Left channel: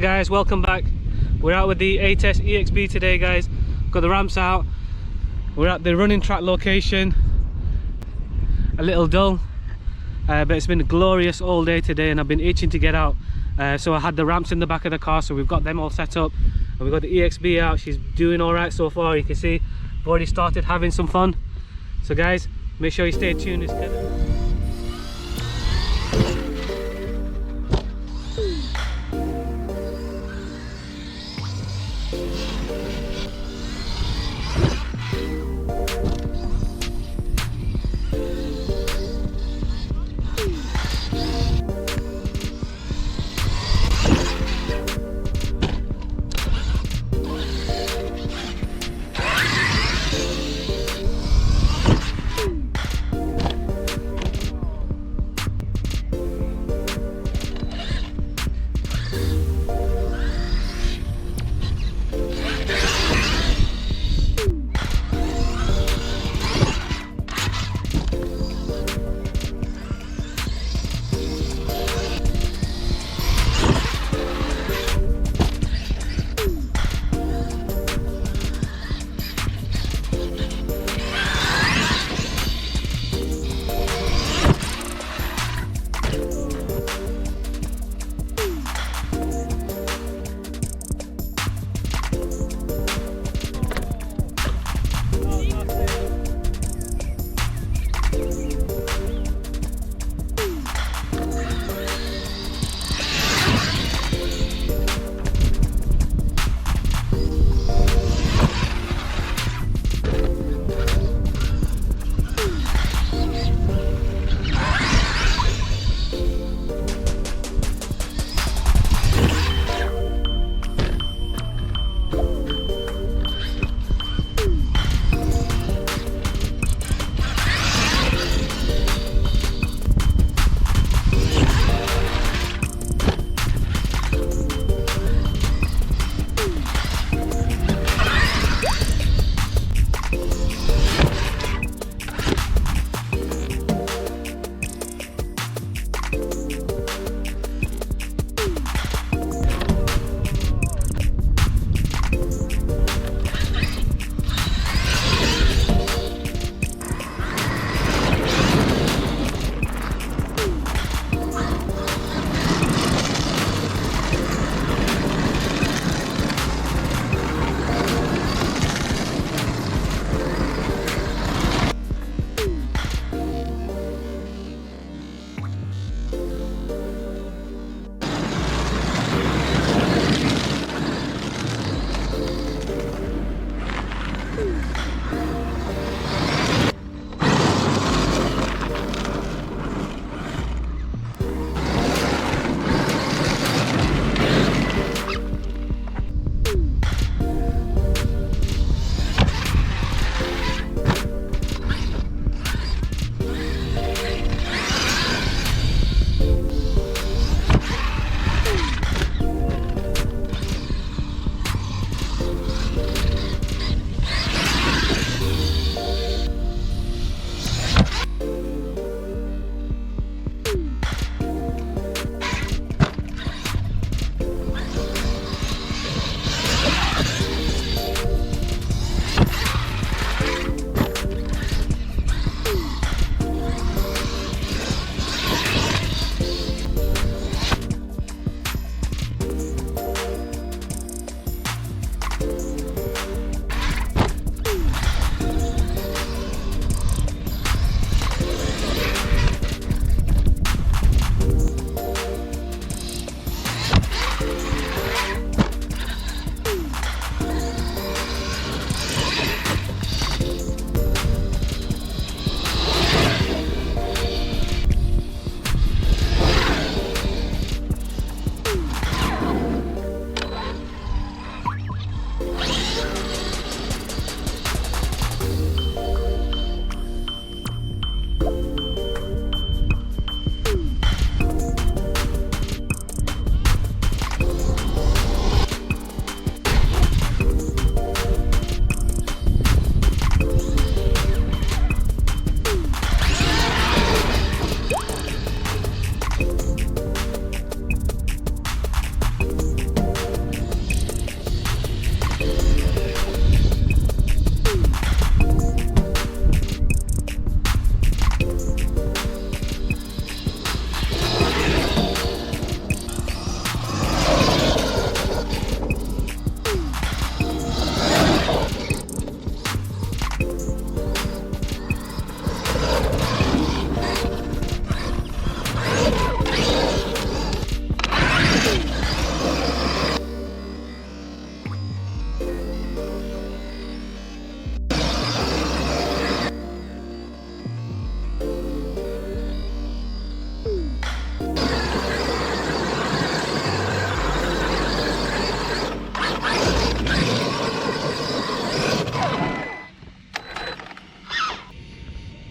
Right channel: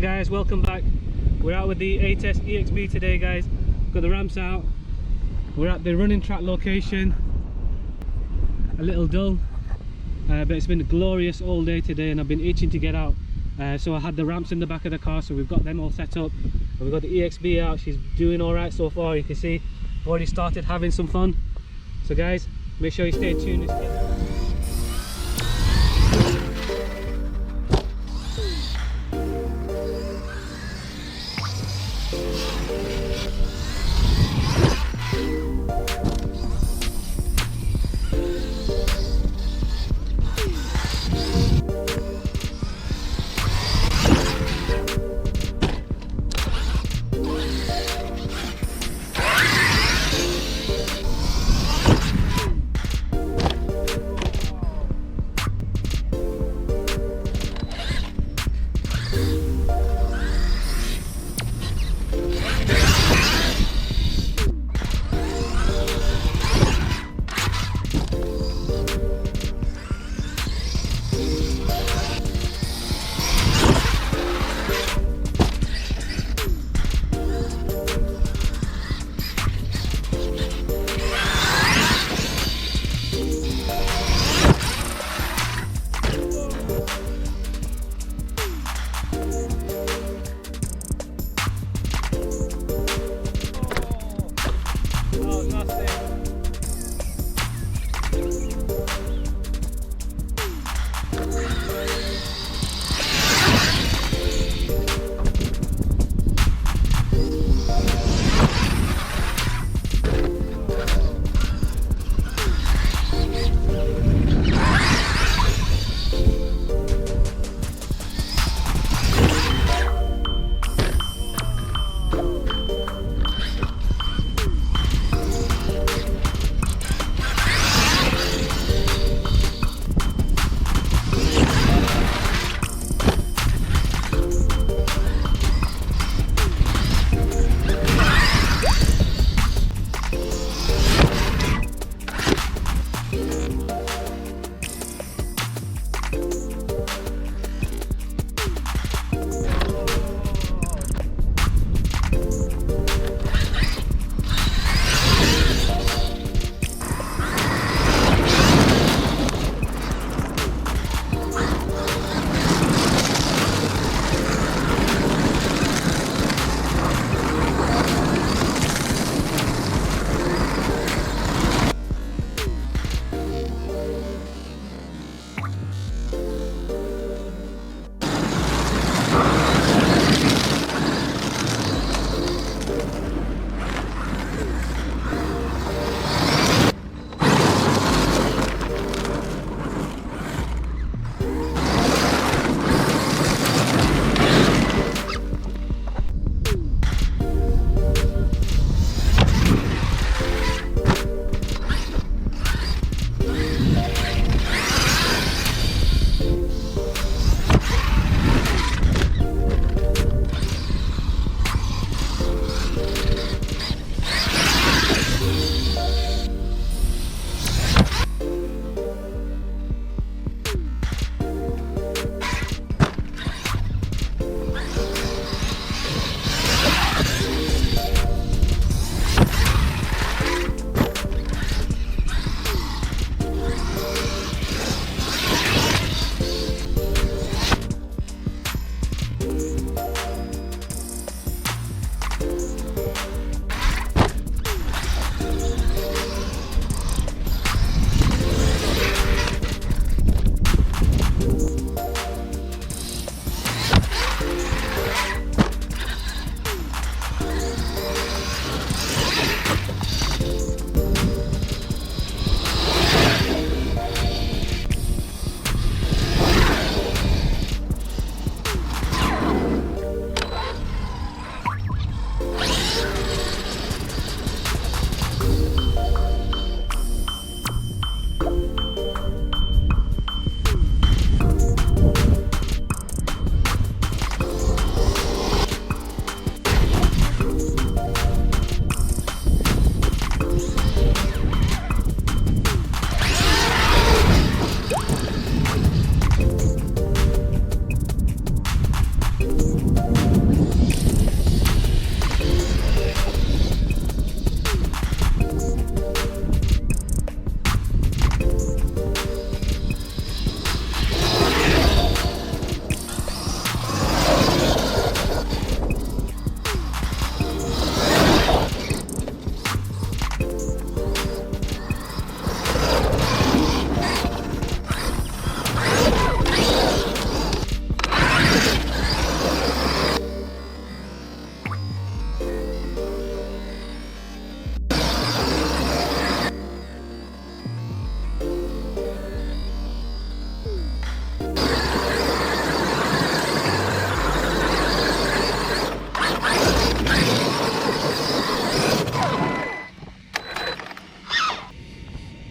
Hi guys, welcome back. We're out with the A-Test EXB today, guys. Got the ramps out. We're at the running track location. A little dull, but it's been glorious all day today and I've been itching to get out. So I had the ramps in the back of the car, so we've got them all set up. And we've got the EXB out. She's doing all right so far. You can see we've already started having some fun. So guys, make sure you stay tuned.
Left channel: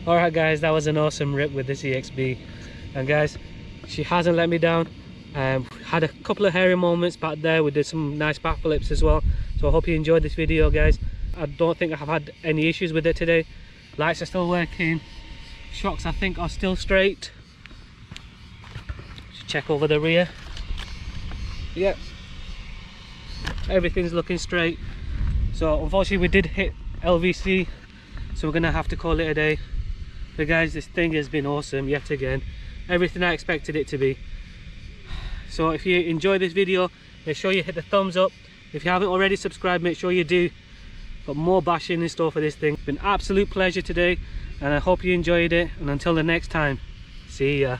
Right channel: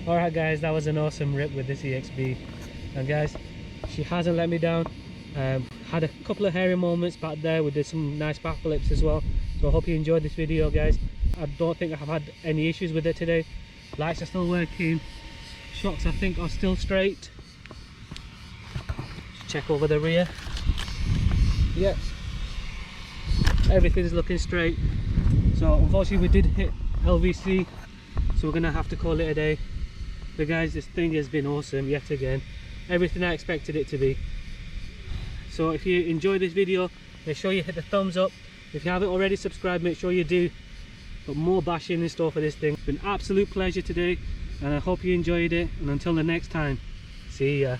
Alright guys, that was an awesome rip with this EXB, and guys, she hasn't let me down. Had a couple of hairy moments back there. We did some nice backflips as well, so I hope you enjoyed this video guys. I don't think I've had any issues with it today. Lights are still working, shocks I think are still straight. Check over the rear. Yep, everything's looking straight. So unfortunately we did hit LVC, so we're gonna have to call it a day. But guys, this thing has been awesome yet again, everything I expected it to be. So if you enjoyed this video, make sure you hit the thumbs up. If you haven't already subscribed, make sure you do. Got more bashing in store for this thing. It's been an absolute pleasure today, and I hope you enjoyed it, and until the next time, see ya.